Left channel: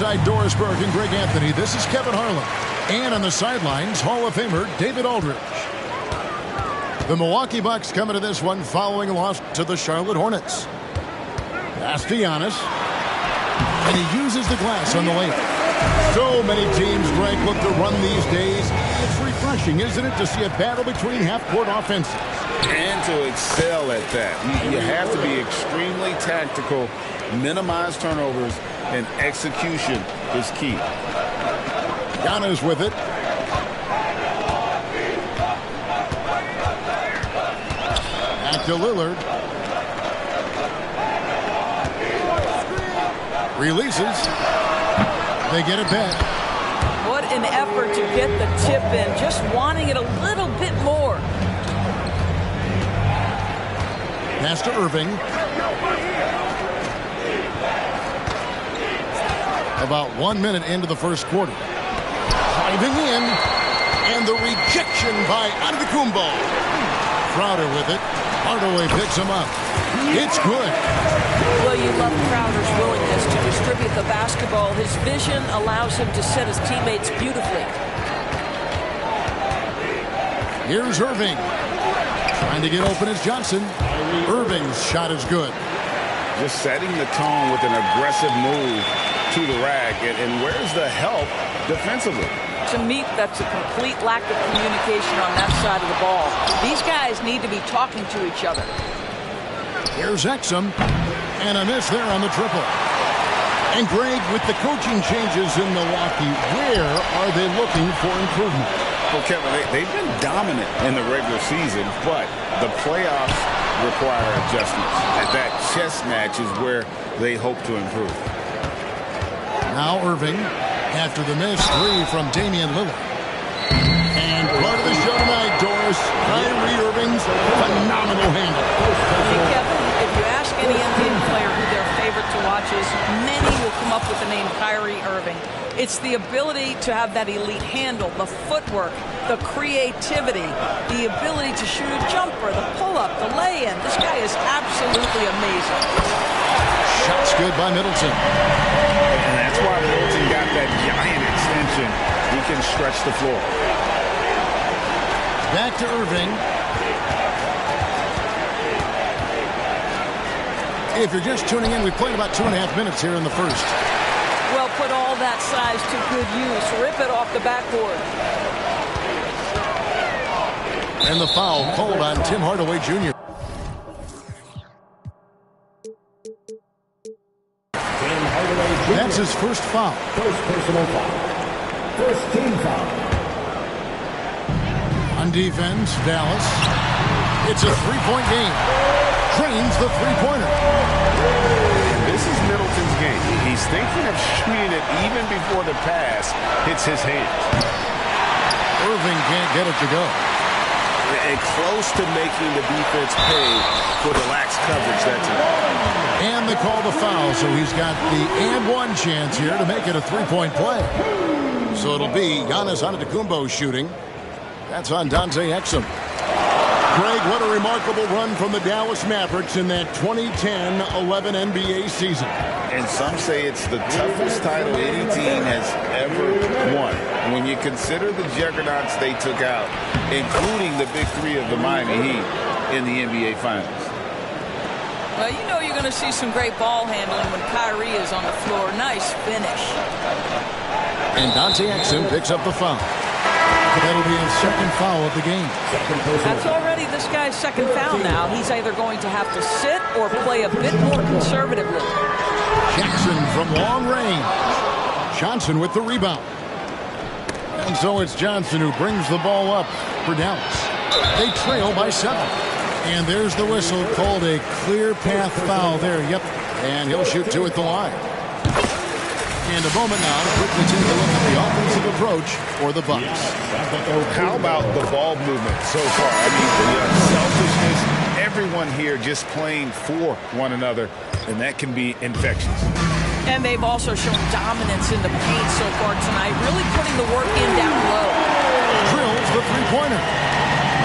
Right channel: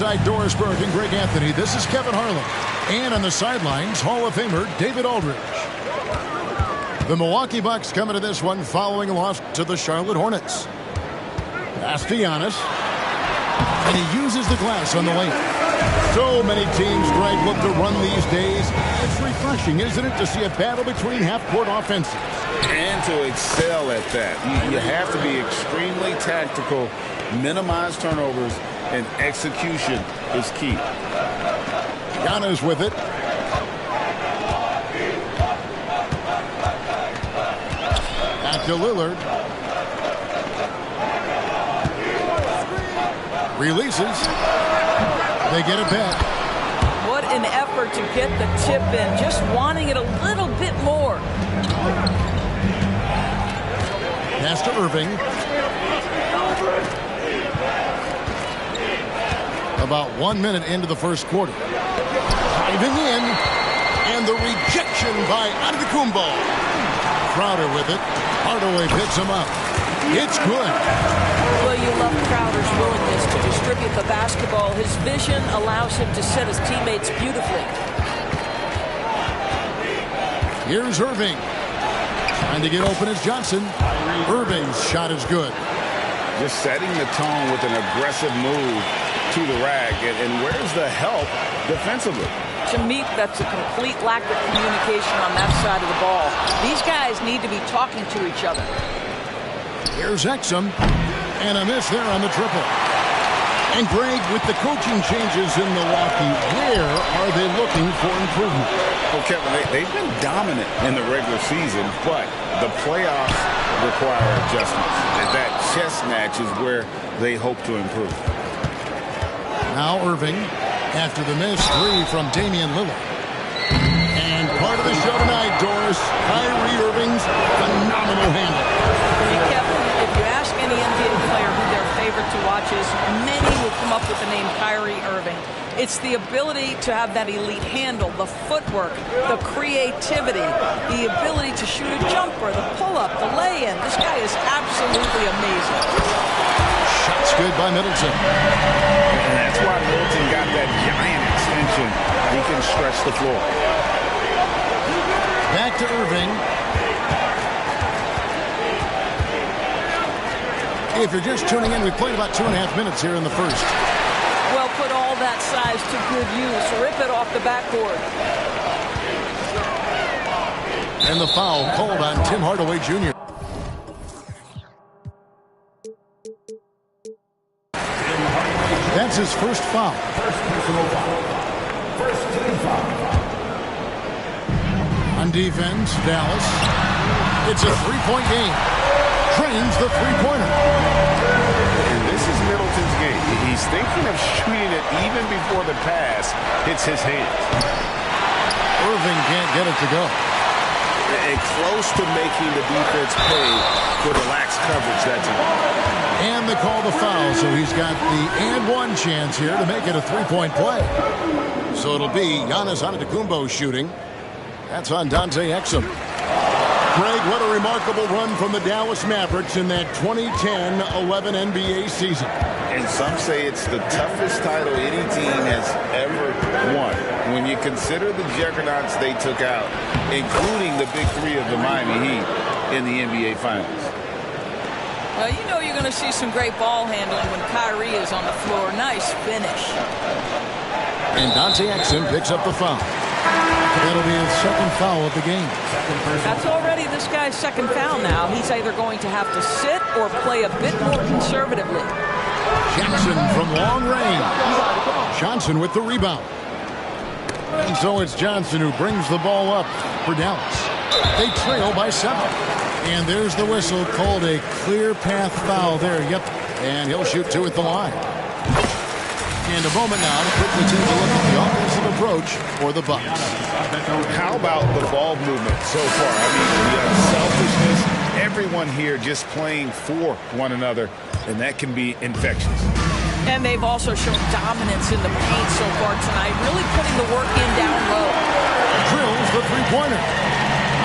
Doris Burke and Greg Anthony. This is Kevin Harlan. And on the sidelines, Hall of Famer David Aldridge. The Milwaukee Bucks coming to this one following a loss to the Charlotte Hornets. Pass to Giannis. And he uses the glass on the lane. So many teams, Greg, look to run these days. It's refreshing, isn't it, to see a battle between half-court offenses. And to excel at that. You have to be extremely tactical, minimize turnovers, and execution is key. Giannis with it. Back to Lillard. Releases. They get it back. What an effort to get the tip in. Just wanting it a little bit more. Pass to Irving. About 1 minute into the first quarter. Driving in. And the rejection by Antetokounmpo. Crowder with it. Hardaway picks him up. It's good. Well, you love Crowder's willingness to distribute the basketball. His vision allows him to set his teammates beautifully. Here's Irving. Trying to get open is Johnson. Irving's shot is good. Just setting the tone with an aggressive move to the rack. And where's the help defensively? To me, that's a complete lack of communication on that side of the ball. These guys need to be talking to each other. Here's Exum. And a miss there on the triple. And Greg, with the coaching changes in Milwaukee, where are they looking for improvement? Well, Kevin, they've been dominant in the regular season, but the playoffs require adjustments. That chess match is where they hope to improve. Now Irving, after the miss, three from Damian Lillard. And part of the show tonight, Doris, Kyrie Irving's phenomenal handle. Hey, Kevin, if you ask any NBA player who their favorite to watch is, many will come up with the name Kyrie Irving. It's the ability to have that elite handle, the footwork, the creativity, the ability to shoot a jumper, the pull-up, the lay-in. This guy is absolutely amazing. Shots good by Middleton. And that's why Middleton got that giant extension. He can stretch the floor. Back to Irving. If you're just tuning in, we played about 2.5 minutes here in the first. Well, put all that size to good use. Rip it off the backboard. And the foul called on Tim Hardaway Jr. That's his first foul. First personal foul. First team foul. On defense, Dallas. It's a three-point game. Trains the three-pointer. And this is Middleton's game. He's thinking of shooting it even before the pass hits his hands. Irving can't get it to go. And close to making the defense pay for the lax coverage that time. And they call the foul, so he's got the and one chance here to make it a three-point play. So it'll be Giannis Antetokounmpo shooting. That's on Dante Exum. Greg, what a remarkable run from the Dallas Mavericks in that 2010-11 NBA season. And some say it's the toughest title any team has ever won. When you consider the juggernauts they took out, including the big three of the Miami Heat in the NBA Finals. Well, you know you're going to see some great ball handling when Kyrie is on the floor. Nice finish. And Dante Exum picks up the foul. That'll be his second foul of the game. That's already this guy's second foul now. He's either going to have to sit or play a bit more conservatively. Jackson from long range. Johnson with the rebound. And so it's Johnson who brings the ball up for Dallas. They trail by 7. And there's the whistle, called a clear path foul there. Yep. And he'll shoot 2 at the line. And a moment now to quickly take a look at the offensive approach for the Bucks. How about the ball movement so far? I mean, the unselfishness, everyone here just playing for one another, and that can be infectious. And they've also shown dominance in the paint so far tonight, really putting the work in down low. Drills the three-pointer.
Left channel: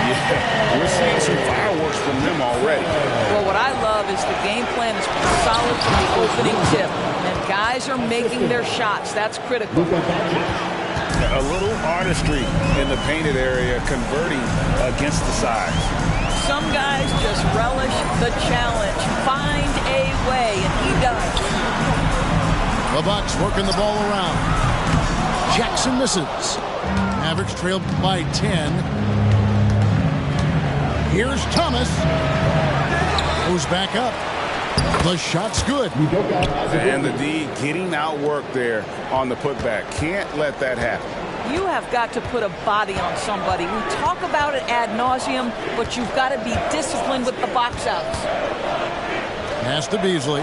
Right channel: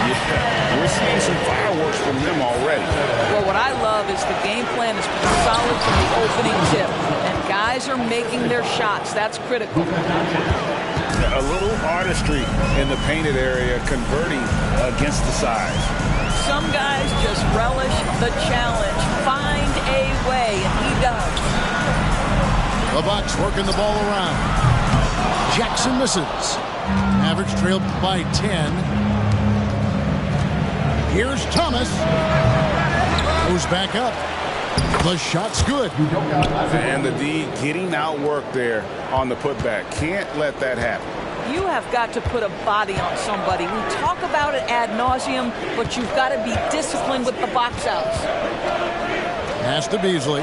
Yeah, we're seeing some fireworks from them already. Well, what I love is the game plan is pretty solid from the opening tip, and guys are making their shots. That's critical. A little artistry in the painted area, converting against the size. Some guys just relish the challenge. Find a way, and he does. The Bucks working the ball around. Jackson misses. Mavericks trail by 10. Here's Thomas. Goes back up. The shot's good. And the D getting outworked there on the putback. Can't let that happen. You have got to put a body on somebody. We talk about it ad nauseum, but you've got to be disciplined with the box outs. Pass to Beasley.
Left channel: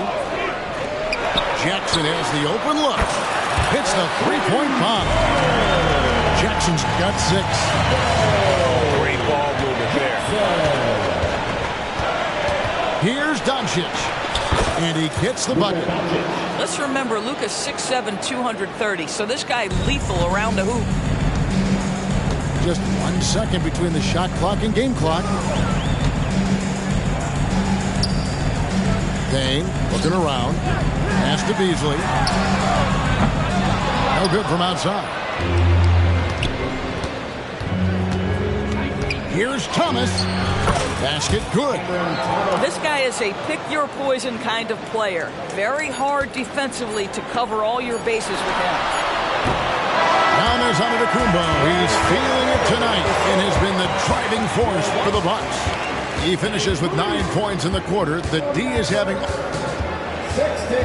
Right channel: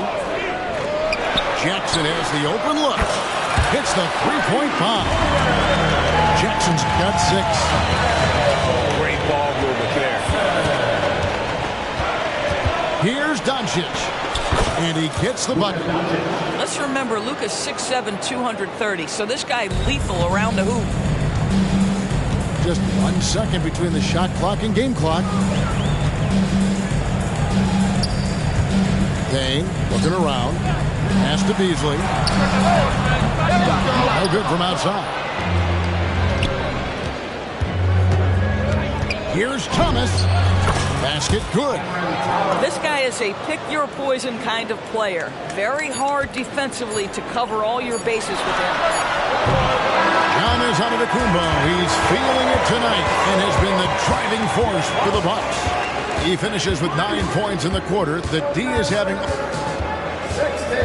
Jackson has the open look. Hits the three-point bomb. Jackson's got 6. Oh, great ball movement there. Here's Doncic. And he gets the bucket. Let's remember, Luka's 6'7", 230, so this guy lethal around the hoop. Just 1 second between the shot clock and game clock. Payne looking around. Pass to Beasley. No good from outside. Here's Thomas. Basket good. This guy is a pick-your-poison kind of player. Very hard defensively to cover all your bases with him. Giannis Antetokounmpo. He's feeling it tonight and has been the driving force for the Bucks. He finishes with 9 points in the quarter. The D is having 16.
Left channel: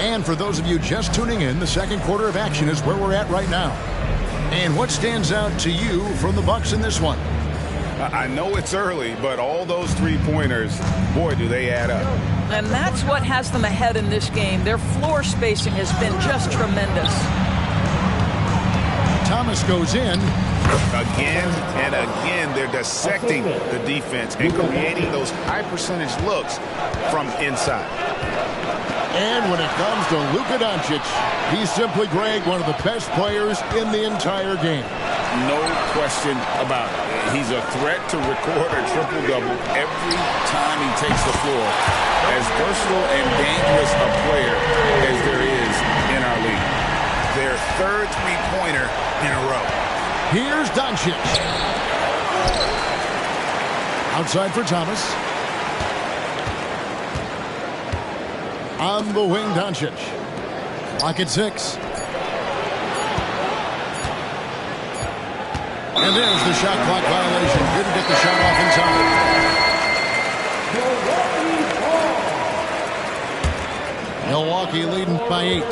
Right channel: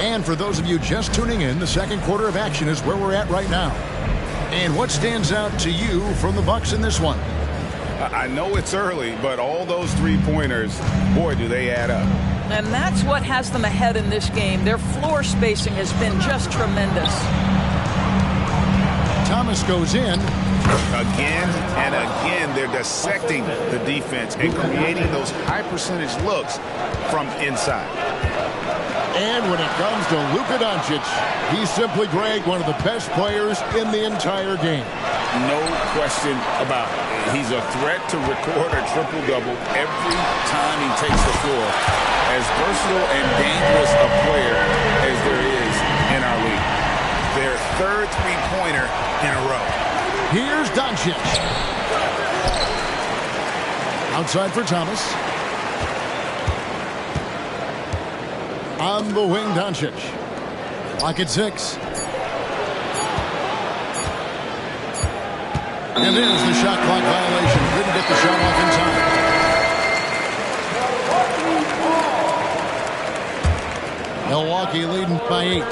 And for those of you just tuning in, the second quarter of action is where we're at right now. And what stands out to you from the Bucks in this one? I know it's early, but all those three-pointers, boy, do they add up. And that's what has them ahead in this game. Their floor spacing has been just tremendous. Thomas goes in. Again and again, they're dissecting the defense and creating those high-percentage looks from inside. And when it comes to Luka Doncic, he's simply, Greg, one of the best players in the entire game. No question about it. He's a threat to record a triple-double every time he takes the floor. As versatile and dangerous a player as there is in our league. Their third three-pointer in a row. Here's Doncic. Outside for Thomas. On the wing, Doncic. Clock at 6. And there's the shot clock violation. Couldn't get the shot off in time. Milwaukee leading by 8.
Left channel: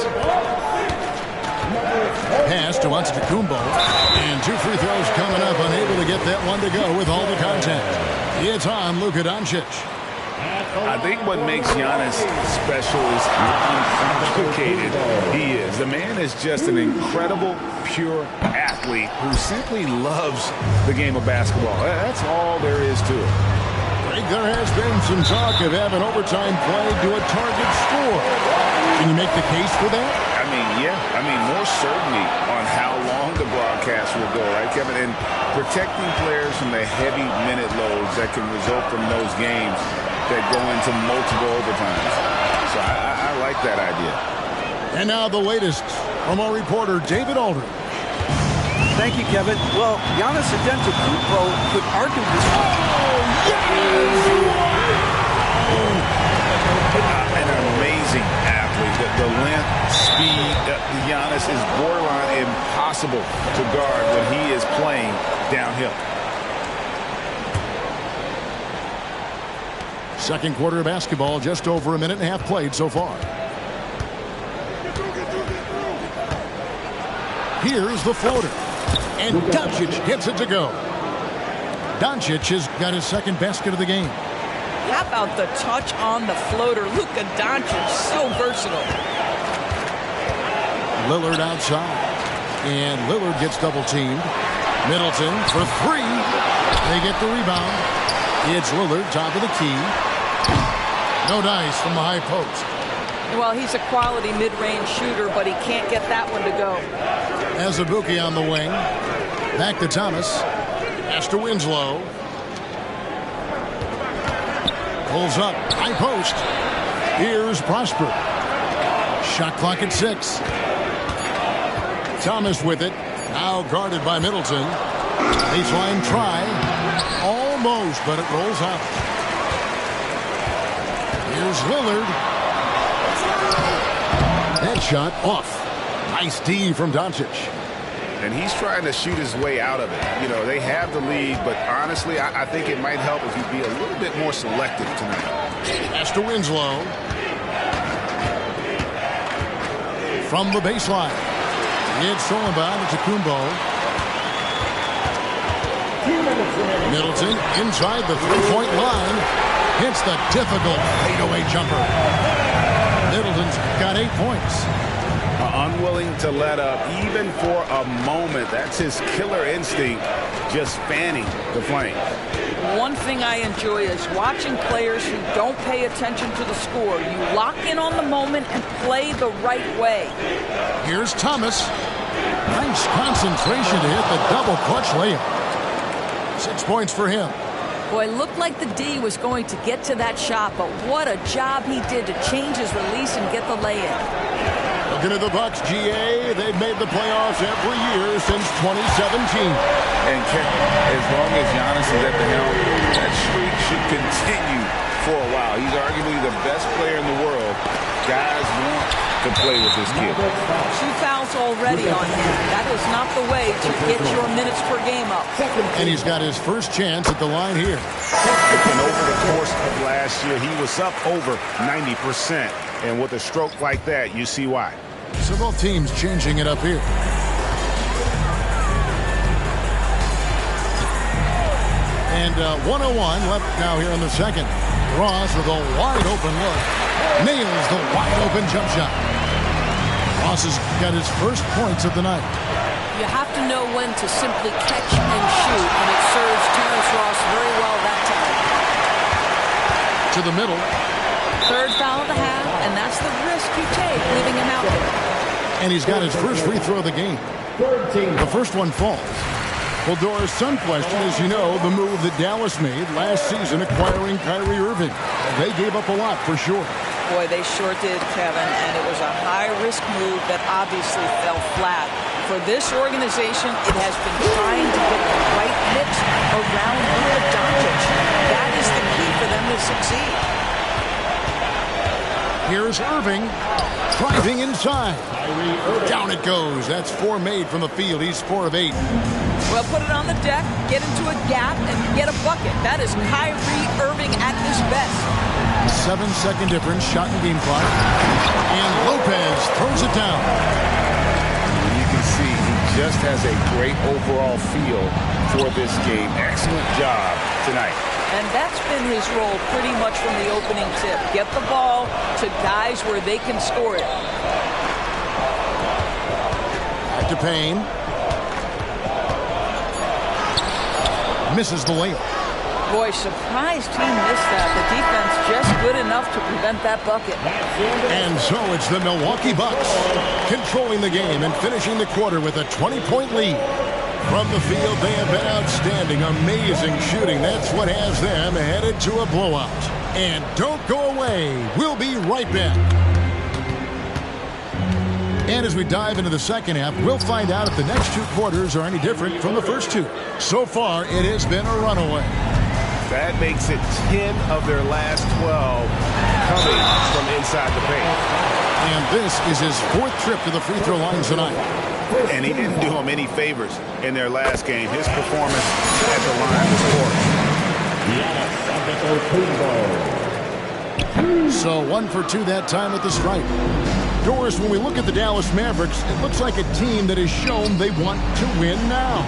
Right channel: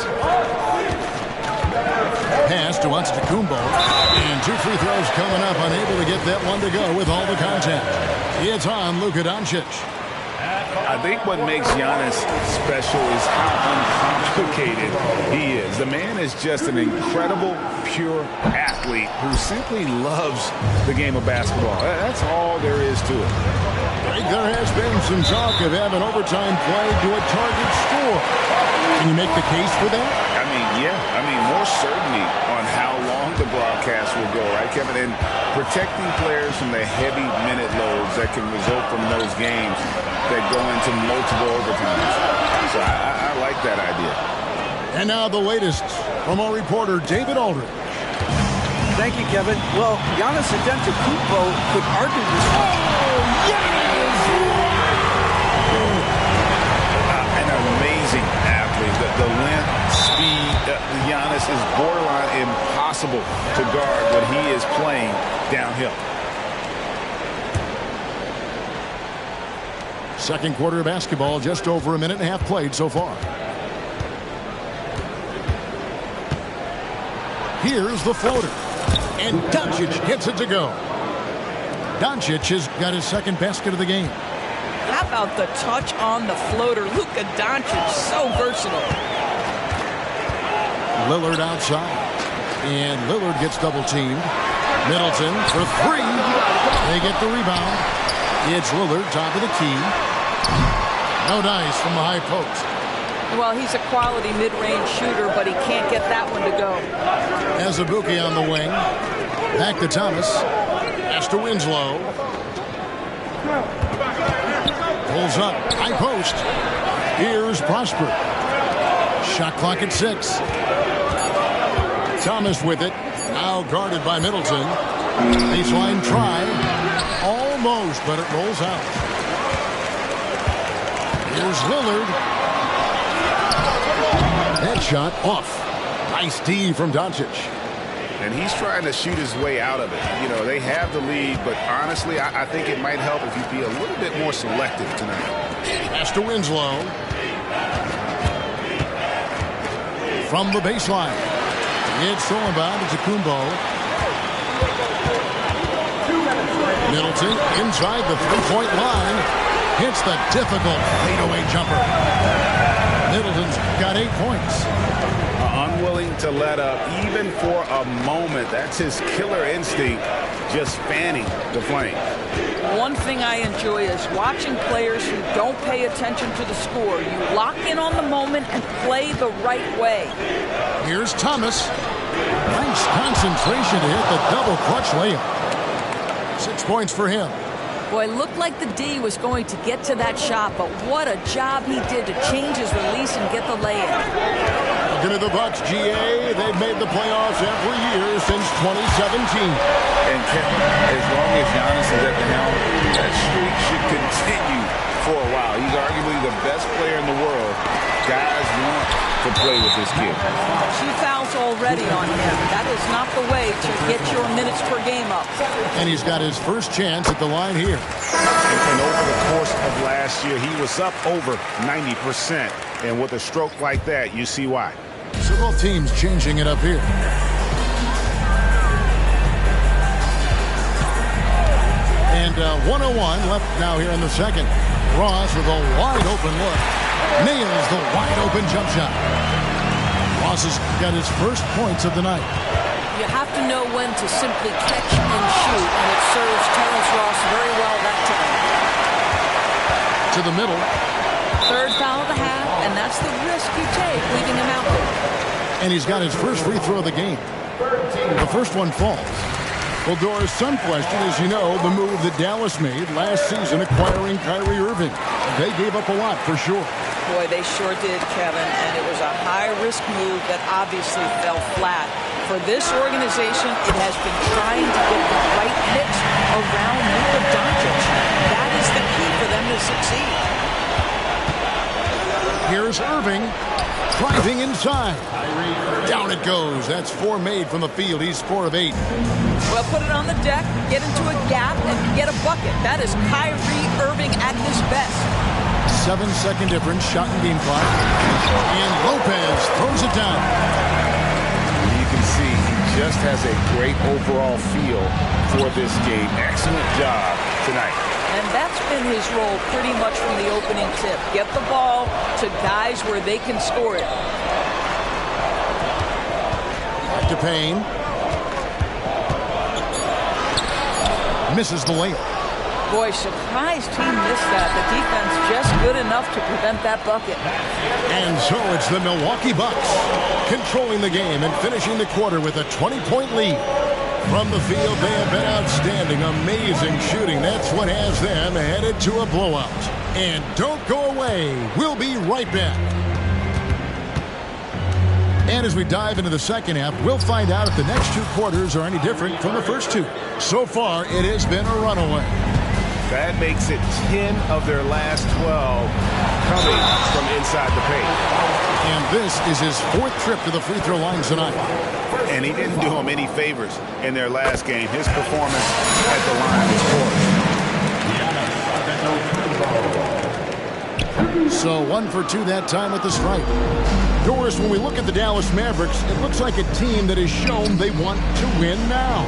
Pass to Antetokounmpo. And 2 free throws coming up. Unable to get that one to go with all the contact. It's on Luka Doncic. I think what makes Giannis special is how uncomplicated he is. The man is just an incredible, pure athlete who simply loves the game of basketball. That's all there is to it. Greg, there has been some talk of having overtime played to a target score. Can you make the case for that? More certainty on how long the broadcast will go, right, Kevin? And protecting players from the heavy minute loads that can result from those games that go into multiple overtimes. So I like that idea. And now the latest from our reporter, David Aldridge. Thank you, Kevin. Well, Giannis Antetokounmpo could arguably... Oh, Giannis! An amazing athlete. The length, speed, Giannis is borderline impossible to guard when he is playing downhill. Second quarter of basketball, just over a minute and a half played so far. Here's the floater. And Doncic hits it to go. Doncic has got his second basket of the game. How about the touch on the floater? Luka Doncic, so versatile. Lillard outside. And Lillard gets double-teamed. Middleton for 3. They get the rebound. It's Lillard, top of the key. No dice from the high post. Well, he's a quality mid-range shooter, but he can't get that one to go. Azubuike on the wing. Back to Thomas. Pass to Winslow. Pulls up. High post. Here's Prosper. Shot clock at 6. Thomas with it. Now guarded by Middleton. Baseline try. Almost, but it rolls out. Here's Lillard. Headshot off. Nice D from Doncic. And he's trying to shoot his way out of it. You know, they have the lead, but honestly, I think it might help if you be a little bit more selective tonight. Pass to Winslow. From the baseline. It's stolen by Antetokounmpo. Middleton inside the three-point line. Hits the difficult fadeaway jumper. Middleton's got 8 points. Unwilling to let up even for a moment. That's his killer instinct, just fanning the flames. One thing I enjoy is watching players who don't pay attention to the score. You lock in on the moment and play the right way. Here's Thomas. Nice concentration to hit the double clutch layup. 6 points for him. Boy, looked like the D was going to get to that shot, but what a job he did to change his release and get the lay-in. Looking at the Bucks, GA, they've made the playoffs every year since 2017. And Kevin, as long as Giannis is at the helm, that streak should continue for a while. He's arguably the best player in the world. Guys want to play with this kid. 2 fouls already on him. That is not the way to get your minutes per game up. And he's got his first chance at the line here. And over the course of last year, he was up over 90%. And with a stroke like that, you see why. So both teams changing it up here. And 1:01 left now here in the second. Ross with a wide open look. Nails the wide open jump shot. Ross has got his first points of the night. You have to know when to simply catch and shoot, and it serves Terrence Ross very well that time. To the middle. Third foul of the half, and that's the risk you take leaving him out there. And he's got his first free throw of the game. The first one falls. Well, Doris, some question, as you know, the move that Dallas made last season acquiring Kyrie Irving. They gave up a lot for sure. Boy, they sure did, Kevin, and it was a high-risk move that obviously fell flat. For this organization, it has been trying to get the right mix around Luka Doncic. That is the key for them to succeed. Here's Irving driving inside. Down it goes. That's 4 made from the field. He's 4 of 8. Well, put it on the deck, get into a gap, and get a bucket. That is Kyrie Irving at his best. 7-second difference, shot and game clock. And Lopez throws it down. You can see he just has a great overall feel for this game. Excellent job tonight. And that's been his role pretty much from the opening tip. Get the ball to guys where they can score it. Back to Payne. Misses the layup. Boy, surprised he missed that. The defense just good enough to prevent that bucket. And so it's the Milwaukee Bucks controlling the game and finishing the quarter with a 20-point lead. From the field, they have been outstanding. Amazing shooting. That's what has them headed to a blowout. And don't go away. We'll be right back. And as we dive into the second half, we'll find out if the next 2 quarters are any different from the first 2. So far, it has been a runaway. That makes it 10 of their last 12 coming from inside the paint. And this is his 4th trip to the free throw line tonight. And he didn't do him any favors in their last game. His performance at the line was poor. So 1 for 2 that time at the stripe. Doris, when we look at the Dallas Mavericks, it looks like a team that has shown they want to win now.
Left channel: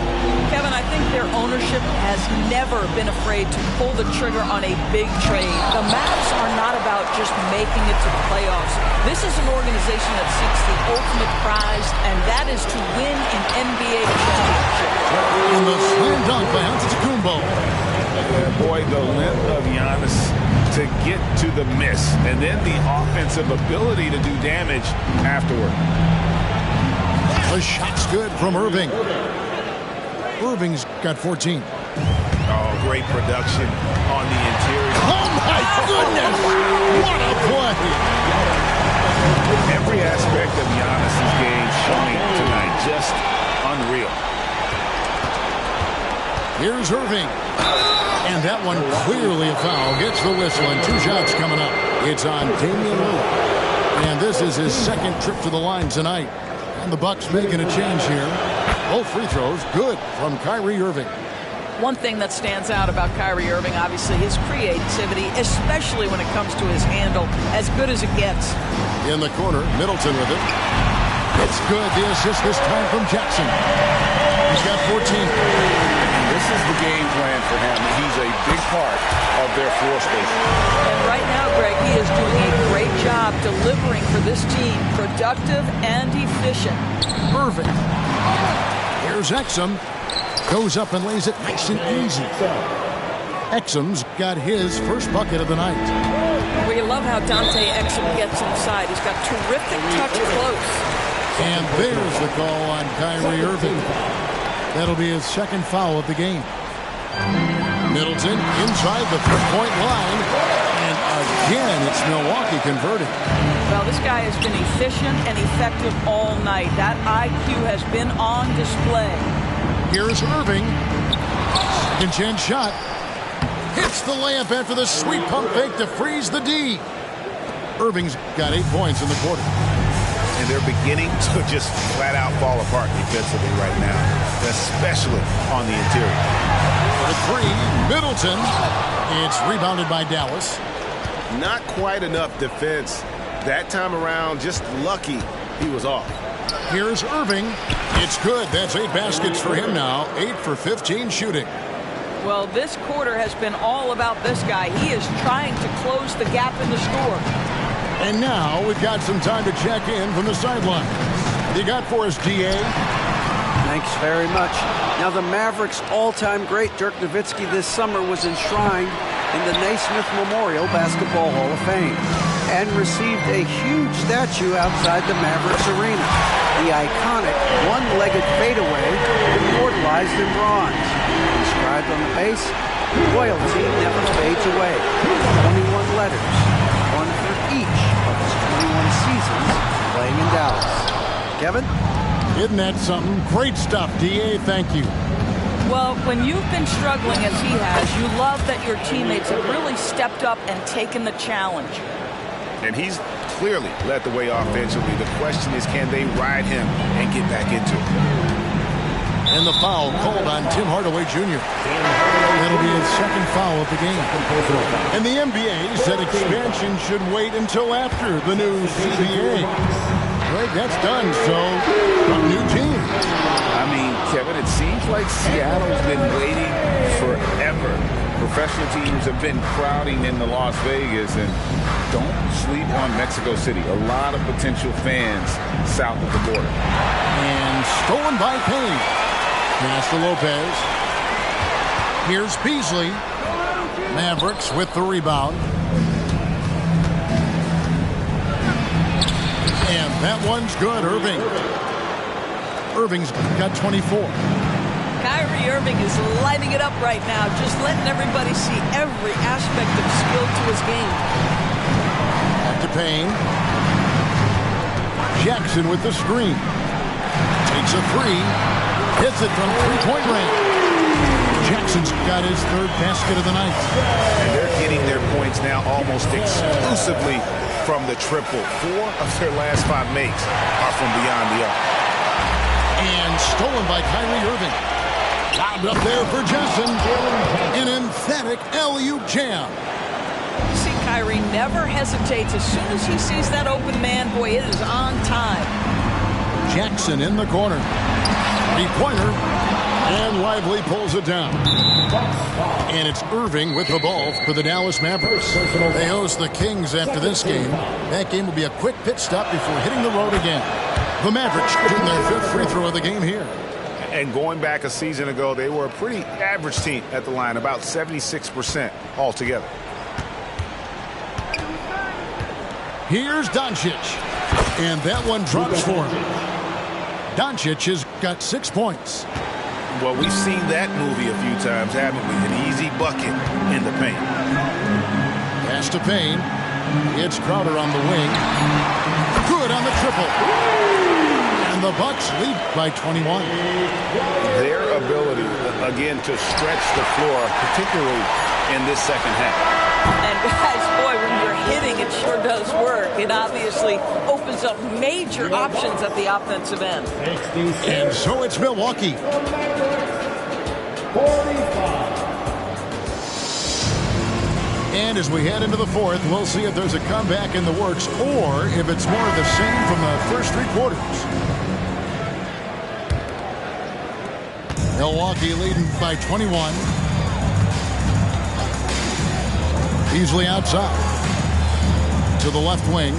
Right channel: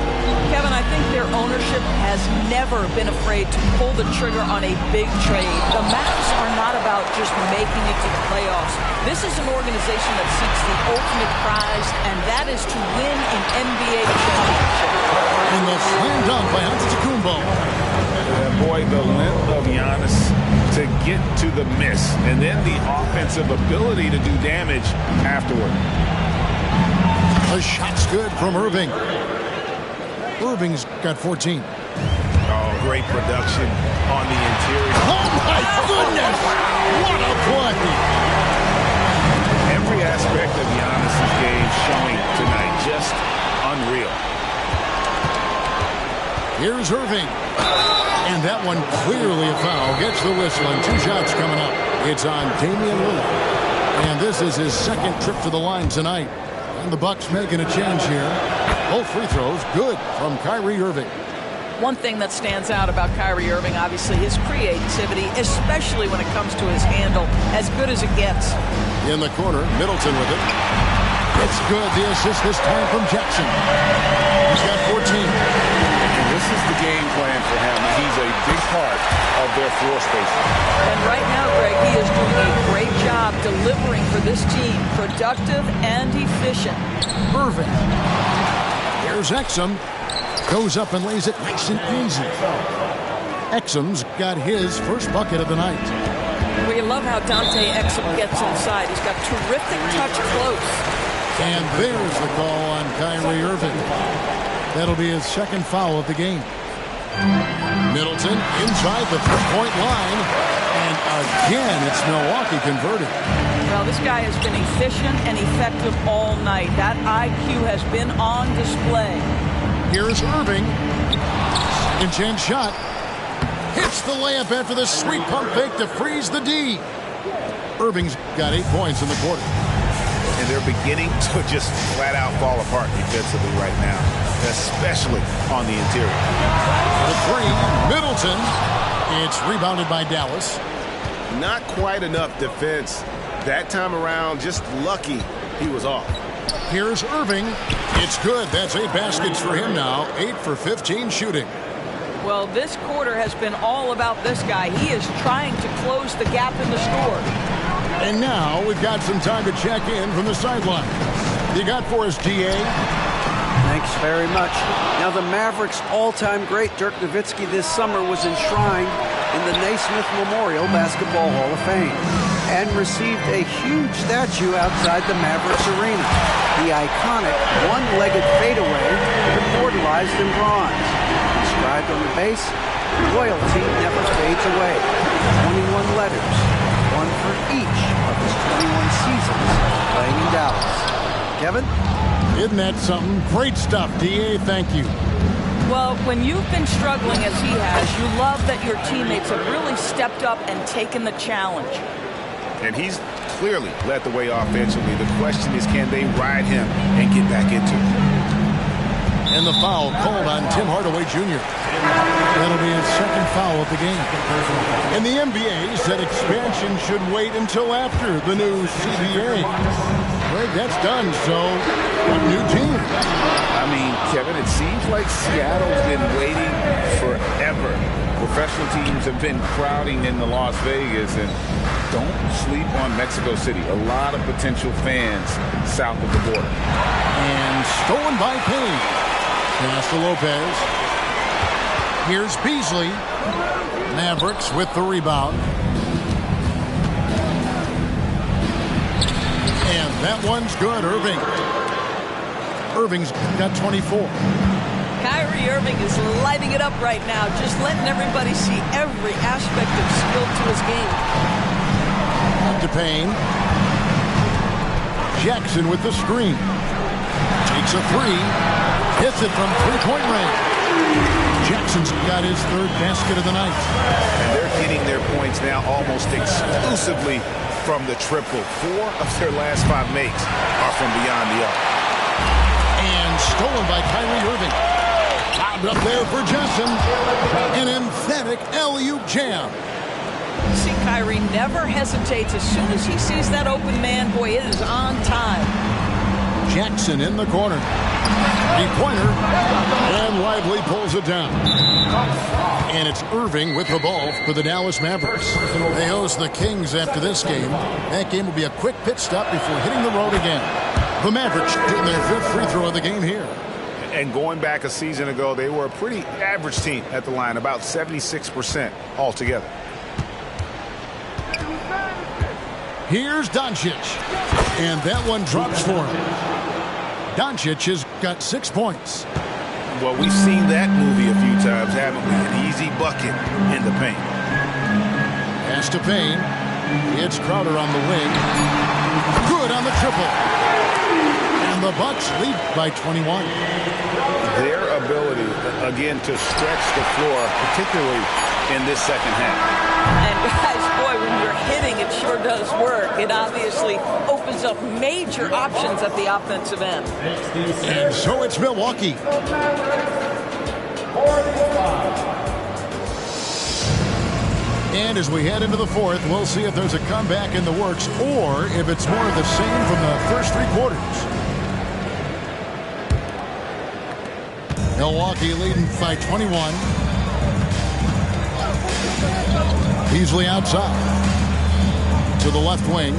Kevin, I think their ownership has never been afraid to pull the trigger on a big trade. The Mavs are not about just making it to the playoffs. This is an organization that seeks the ultimate prize, and that is to win an NBA championship. And the slam dunk by Antetokounmpo. Yeah, boy, the length of Giannis' to get to the miss, and then the offensive ability to do damage afterward. The shot's good from Irving. Irving's got 14. Oh, great production on the interior. Oh, my goodness! What a play! Every aspect of Giannis's game showing tonight. Just unreal. Here's Irving. And that one clearly a foul. Gets the whistle, and 2 shots coming up. It's on Damian Lillard. And this is his second trip to the line tonight. And the Bucks making a change here. Both free throws good from Kyrie Irving. One thing that stands out about Kyrie Irving, obviously, his creativity, especially when it comes to his handle, as good as it gets. In the corner, Middleton with it. It's good. The assist this time from Jackson. He's got 14. And this is the game plan for him. He's a big part of their floor spacing. And right now, Greg, he is doing a great job delivering for this team. Productive and efficient. Irving. Here's Exum. Goes up and lays it nice and easy. Exum's got his first bucket of the night. We love how Dante Exum gets inside. He's got terrific touch close. And there's the call on Kyrie Irving. That'll be his second foul of the game. Middleton inside the three-point line. And again, it's Milwaukee converting. Well, this guy has been efficient and effective all night. That IQ has been on display. Here's Irving. Second chance shot. Hits the layup after the sweet pump fake to freeze the D. Irving's got 8 points in the quarter. And they're beginning to just flat out fall apart defensively right now, especially on the interior. For 3, Middleton. It's rebounded by Dallas. Not quite enough defense that time around. Just lucky he was off. Here's Irving. It's good. That's 8 baskets for him now. 8 for 15 shooting. Well, this quarter has been all about this guy. He is trying to close the gap in the score. And now we've got some time to check in from the sidelines. You got for us, DA? Thanks very much. Now, the Mavericks' all-time great Dirk Nowitzki this summer was enshrined in the Naismith Memorial Basketball Hall of Fame and received a huge statue outside the Mavericks arena. The iconic one-legged fadeaway immortalized in bronze. Inscribed on the base, "Loyalty never fades away." 21 letters, one for each of his 21 seasons playing in Dallas. Kevin? Isn't that something? Great stuff, DA. Thank you. Well, when you've been struggling as he has, you love that your teammates have really stepped up and taken the challenge. And he's clearly led the way offensively. The question is, can they ride him and get back into it? And the foul called on Tim Hardaway Jr. That'll be his second foul of the game. And the NBA said expansion should wait until after the new CBA. Greg, that's done, so what new team? I mean, Kevin, it seems like Seattle's been waiting forever. Professional teams have been crowding into Las Vegas, and don't sleep on Mexico City. A lot of potential fans south of the border. And stolen by Payne. Pass to Lopez. Here's Beasley. Mavericks with the rebound. And that one's good, Irving. Irving's got 24. Kyrie Irving is lighting it up right now, just letting everybody see every aspect of skill to his game. Up to Payne. Jackson with the screen. Takes a 3. Hits it from three-point range. Jackson's got his third basket of the night. And they're getting their points now almost exclusively from the triple. 4 of their last 5 makes are from beyond the arc. And stolen by Kyrie Irving. Lobbed up there for Johnson. An emphatic alley-oop jam. You see, Kyrie never hesitates. As soon as he sees that open man, boy, it is on time. Jackson in the corner. Three-pointer. And Lively pulls it down. And it's Irving with the ball for the Dallas Mavericks. They host the Kings after this game. That game will be a quick pit stop before hitting the road again. The Mavericks shooting their 5th free throw of the game here. And going back a season ago, they were a pretty average team at the line, about 76% altogether. Here's Doncic. And that one drops for him. Doncic has got 6 points. Well, we've seen that movie a few times, haven't we? An easy bucket in the paint. Pass to Payne. It's Crowder on the wing. Good on the triple. And the Bucks lead by 21. Their ability, again, to stretch the floor, particularly in this second half. And guys, boy, when you're hitting, it sure does work. It obviously opens up major options at the offensive end. And so it's Milwaukee. 45. And as we head into the fourth, we'll see if there's a comeback in the works or if it's more of the same from the first 3 quarters. Milwaukee leading by 21. Beasley outside to the left wing.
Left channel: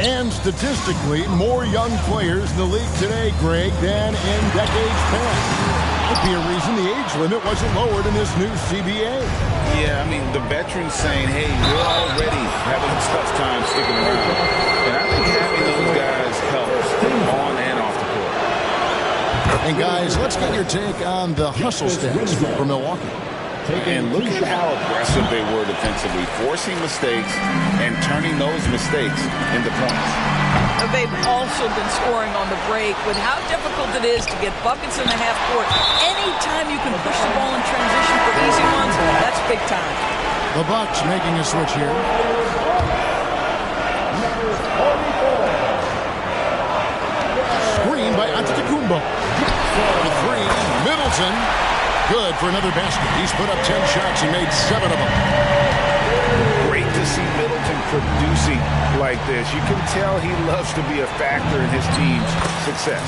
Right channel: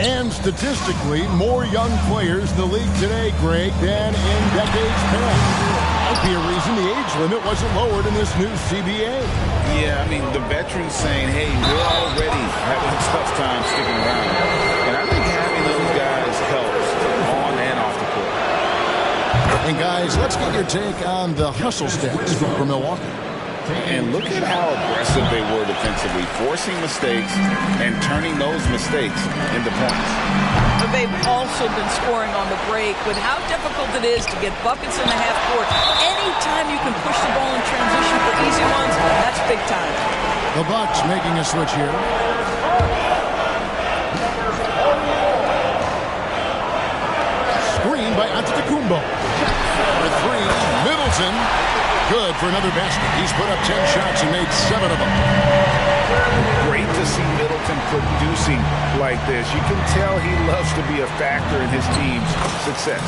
And statistically, more young players in the league today, Greg, than in decades past. Might be a reason the age limit wasn't lowered in this new CBA. Yeah, I mean, the veterans saying, hey, we're already having a tough time sticking around. And I think having those guys helps on and off the court. And guys, let's get your take on the hustle stats for Milwaukee. And look at how aggressive they were defensively, forcing mistakes and turning those mistakes into points. They've also been scoring on the break. With how difficult it is to get buckets in the half court, anytime you can push the ball in transition for easy ones, that's big time. The Bucks making a switch here. Screen by Antetokounmpo. For 3, Middleton. Good for another basket. He's put up 10 shots and made 7 of them. Great to see Middleton producing like this. You can tell he loves to be a factor in his team's success.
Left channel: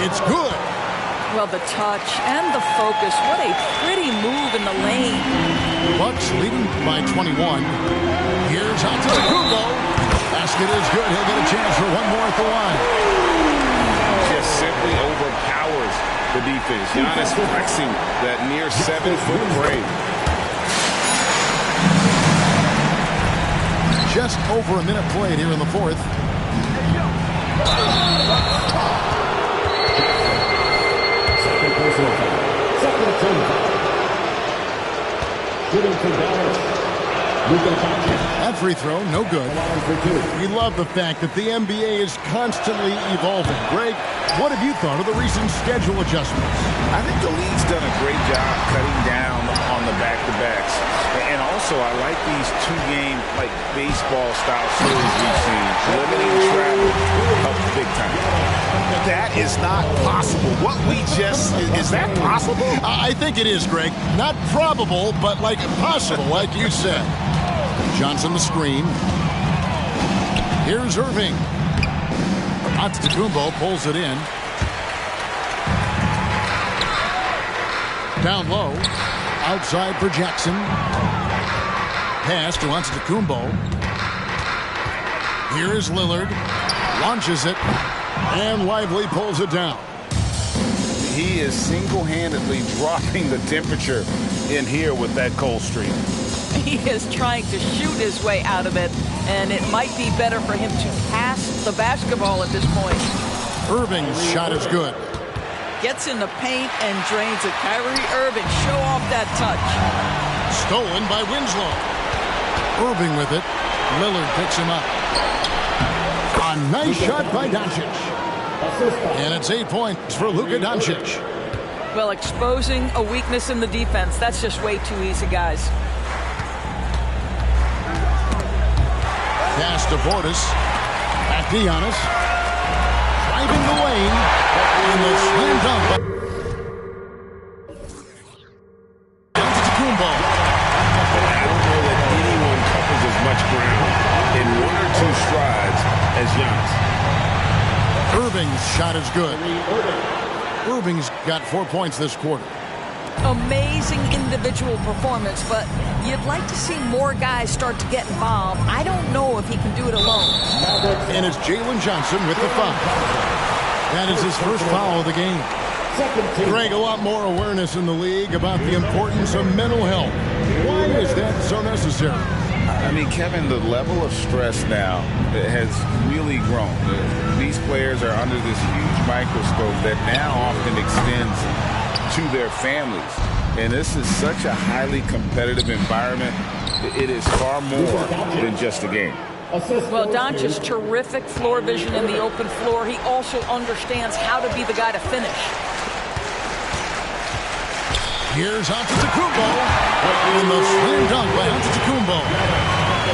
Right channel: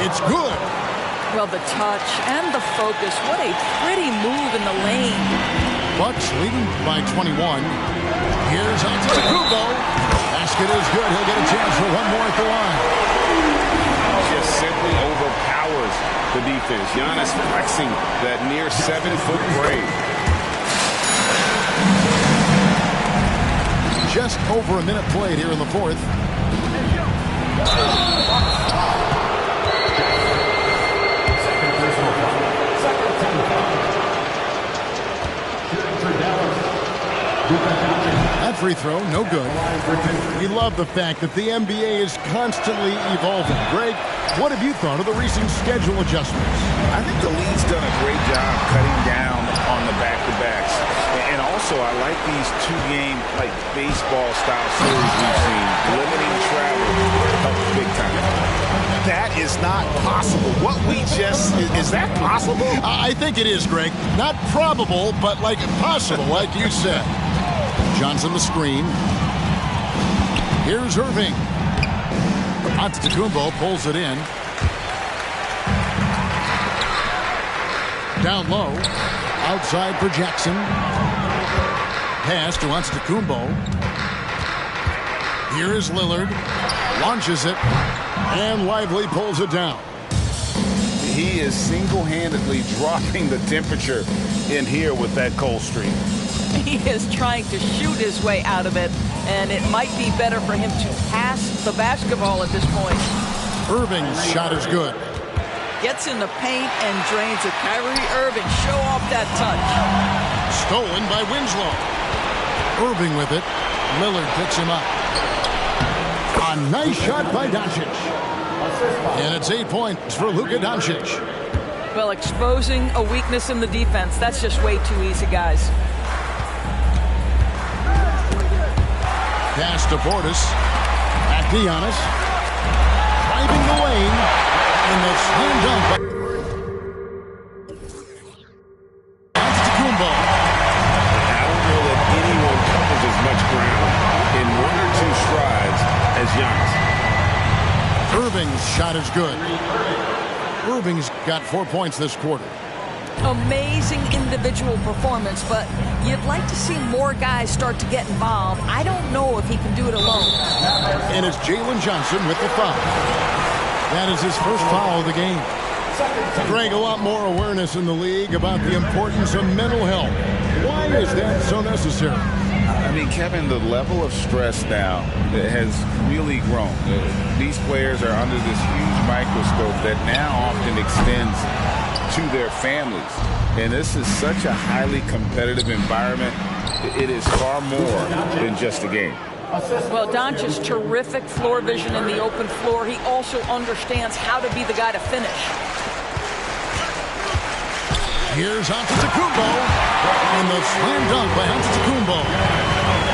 It's good. Well, the touch and the focus. What a pretty move in the lane. Bucks leading by 21. Here's Antetokounmpo. Basket is good. He'll get a chance for one more at the line. Just simply overpowers the defense. Giannis flexing that near 7-foot grade. Just over a minute played here in the fourth. Second personal foul. Second team foul. Shooting for Dallas. That free throw, no good. We love the fact that the NBA is constantly evolving. Greg, what have you thought of the recent schedule adjustments? I think the league's done a great job cutting down on the back-to-backs. And also, I like these 2-game, like, baseball-style series we've seen. Limiting travel helps big time. That is not possible. What we just... Is that possible? I think it is, Greg. Not probable, but, like, possible, like you said. Johnson the screen. Here's Irving. Antetokounmpo pulls it in. Down low. Outside for Jackson. Pass to Antetokounmpo. Here is Lillard. Launches it. And Lively pulls it down. He is single-handedly dropping the temperature in here with that cold streak. He is trying to shoot his way out of it, and it might be better for him to pass the basketball at this point. Irving's shot is good. Gets in the paint and drains it. Kyrie Irving, show off that touch. Stolen by Winslow. Irving with it. Lillard picks him up. A nice shot by Doncic. And it's 8 points for Luka Doncic. Well, exposing a weakness in the defense, that's just way too easy, guys. Pass to Portis. Back to Giannis. Driving the lane. In the slam dunk. Antetokounmpo. I don't know that anyone covers as much ground in 1 or 2 strides as Giannis. Irving's shot is good. Irving's got 4 points this quarter. Amazing individual performance, but you'd like to see more guys start to get involved. I don't know if he can do it alone. And it's Jalen Johnson with the foul. That is his first foul of the game. Greg, a lot more awareness in the league about the importance of mental health. Why is that so necessary? I mean, Kevin, the level of stress now has really grown. These players are under this huge microscope that now often extends to their families. And this is such a highly competitive environment. It is far more than just a game. Well, Doncic's terrific floor vision in the open floor. He also understands how to be the guy to finish. Here's Antetokounmpo in the slam dunk by Antetokounmpo.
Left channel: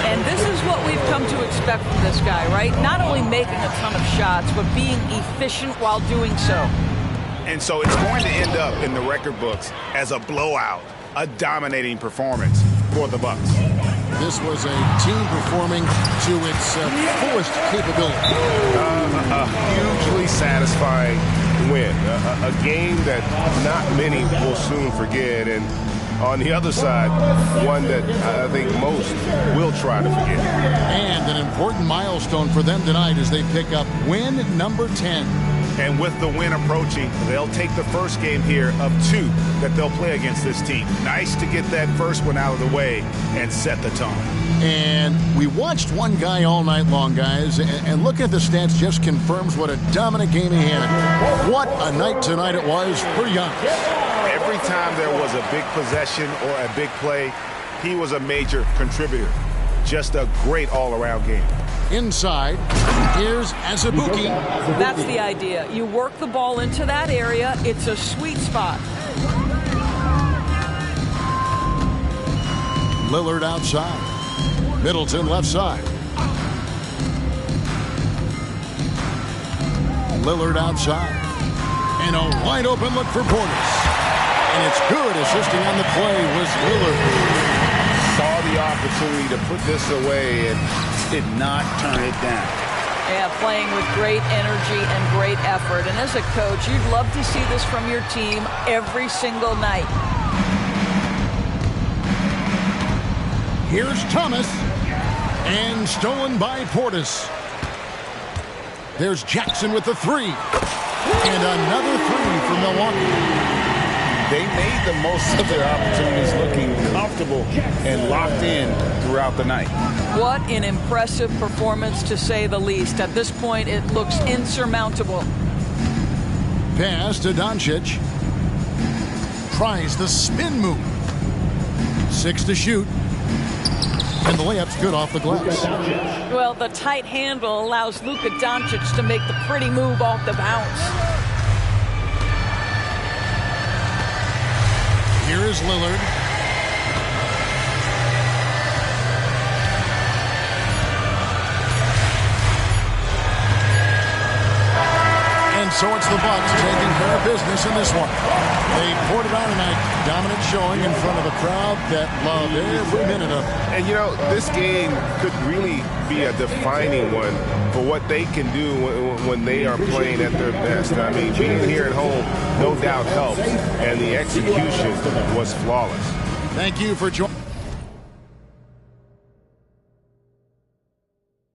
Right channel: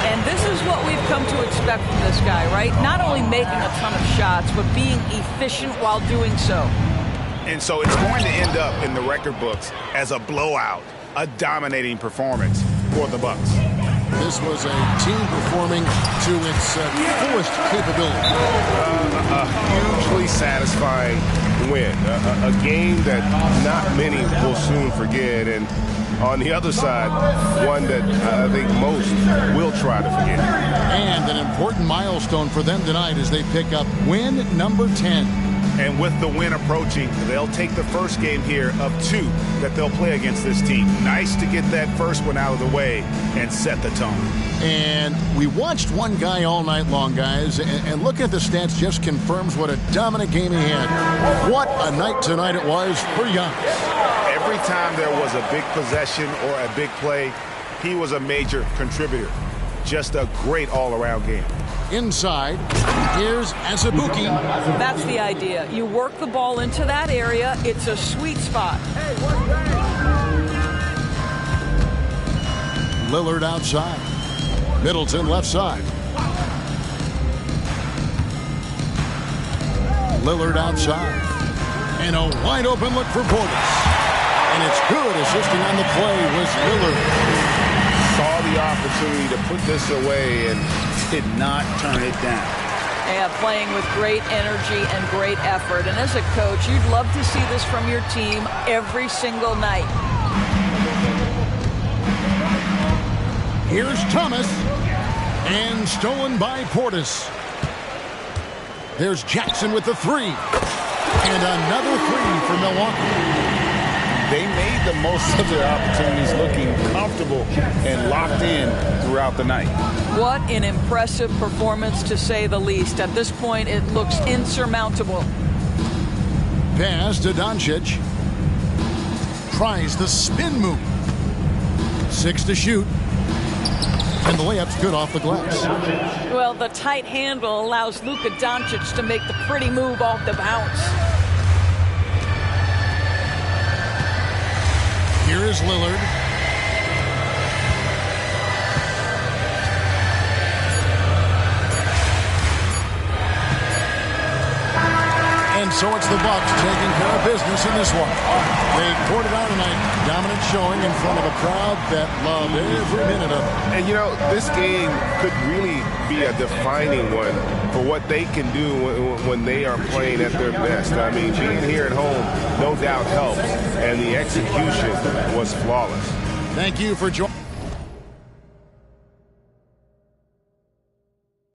And this is what we've come to expect from this guy, right? Not only making a ton of shots, but being efficient while doing so. And so it's going to end up in the record books as a blowout, a dominating performance for the Bucks. This was a team performing to its fullest capability. A hugely satisfying win. A game that not many will soon forget. And on the other side, one that I think most will try to forget. And an important milestone for them tonight as they pick up win number 10. And with the win approaching, they'll take the first game here of 2 that they'll play against this team. Nice to get that first one out of the way and set the tone. And we watched one guy all night long, guys, and looking at the stats just confirms what a dominant game he had. What a night tonight it was for Giannis. Every time there was a big possession or a big play, he was a major contributor. Just a great all-around game. Inside, here's Azubuike. That's the idea. You work the ball into that area. It's a sweet spot. Lillard outside. Middleton left side. Lillard outside. And a wide open look for Portis. And it's good. Assisting on the play was Lillard. Saw the opportunity to put this away and did not turn it down. Yeah, playing with great energy and great effort. And as a coach, you'd love to see this from your team every single night. Here's Thomas. And stolen by Portis. There's Jackson with the 3. And another 3 for Milwaukee. They made the most of their opportunities, looking comfortable and locked in throughout the night. What an impressive performance, to say the least. At this point, it looks insurmountable. Pass to Doncic. Tries the spin move. 6 to shoot. And the layup's good off the glass. Well, the tight handle allows Luka Doncic to make the pretty move off the bounce. Here is Lillard. And so it's the Bucks taking care of business in this one. They poured it on tonight. Dominant showing in front of a crowd that loved every minute of it. And, you know, this game could really be a defining one for what they can do when they are playing at their best. I mean, being here at home no doubt helps, and the execution was flawless. Thank you for joining.